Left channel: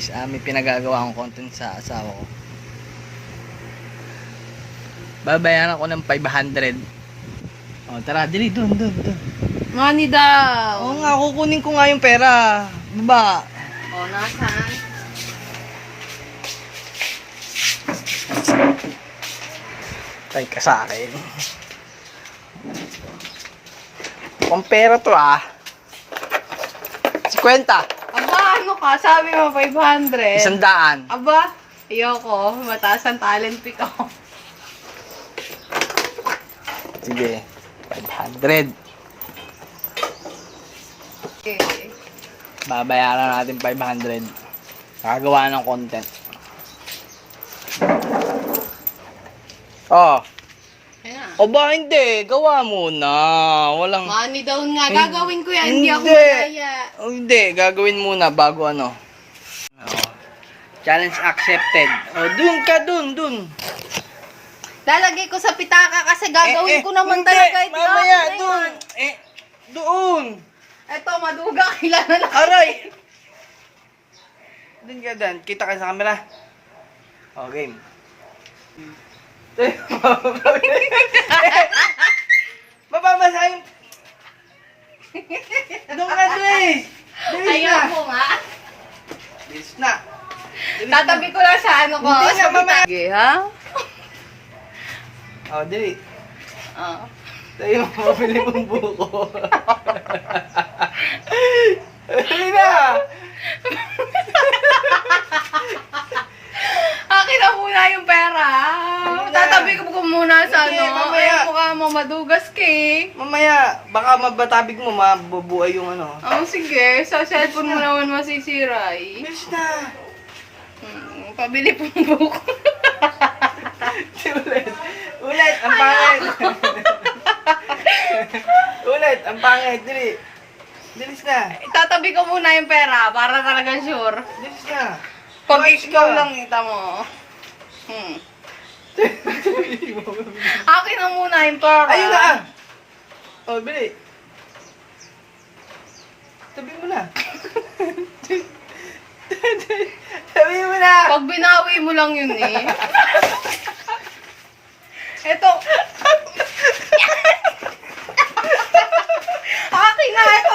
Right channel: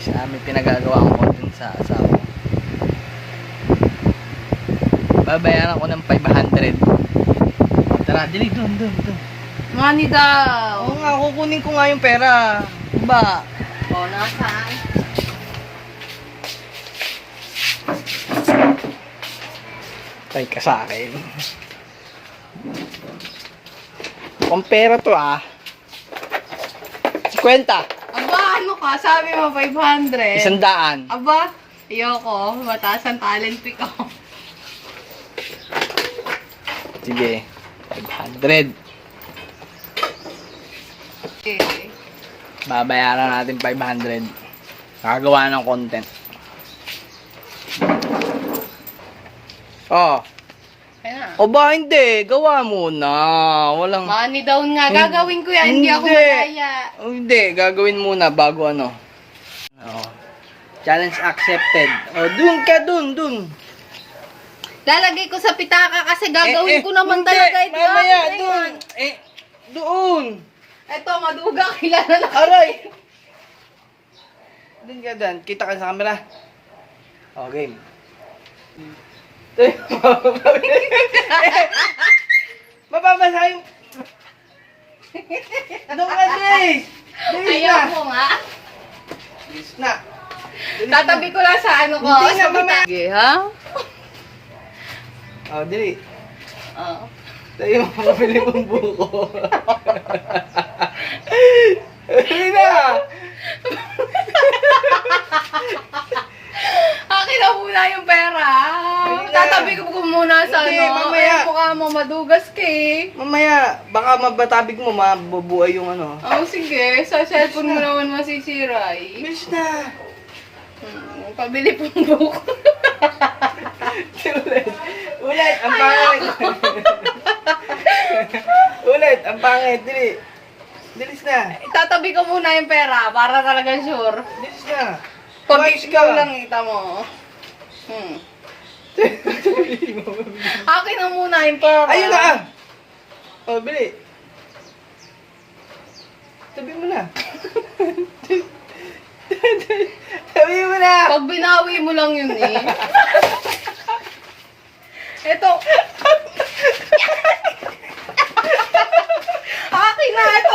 guys, may pinagagawa akong content sa asawa ko. Babayaran ko ng 500. O tara, dali, dun. Money daw. Oo nga, kukunin ko nga yung pera. Diba? O, nasaan? Tay ka sa akin. Ang pera to 50. Aba, ano ka? Sabi mo 500. 100. Aba, ayoko. Mataas ang talent pick ko. Sige, 500. Okay. Babayaran natin 500. Nakagawa ng content. Oh. Ayan. O ba hindi? Gawa muna. Walang... Money down nga. Gagawin ko yan. Hindi ako Hindi. madaya. Oh, hindi. Gagawin muna bago ano. Oh. Challenge accepted. Oh, dun ka, dun. Lalagay ko sa pitaka kasi gagawin ko naman hindi, talaga ito. Mamaya, dun. Doon. Eto, maduga. Kilala na. Aray! Dun ka dan. Kita ka sa camera. Oh, game. Mababasa yung... Doon ka, Dres! Ayaw mo nga. Dres na. Tatabi ko lang sa ano ko. Hindi Sa na, mama. pitaka. Okay, ha? Oh, dili. Oo. Tayo yung mabili mong buko. Dili na! Akin na muna yung pera. Tatabi ko muna sa Hindi, ano. mamaya. Eh, mukha mo madugas ka eh. Mamaya, baka magbatabig mo, mabubuhay yung ano. Oh, sige. Sa cellphone mo naman masisira eh. Yes na! Pabili pong buko. Ulit, ang pangit! Ulit, ang pangit, dili. Dilis na. Tatabi ko muna yung pera para talaga sure. Dilis na. Pag Watch ikaw ka. lang kita mo. Akin na muna yung pera. Ayun na! Oh, bili. Tabi mo na. Tabi mo na! Pag binawi mo lang yun eh. Ito. Akin na ito.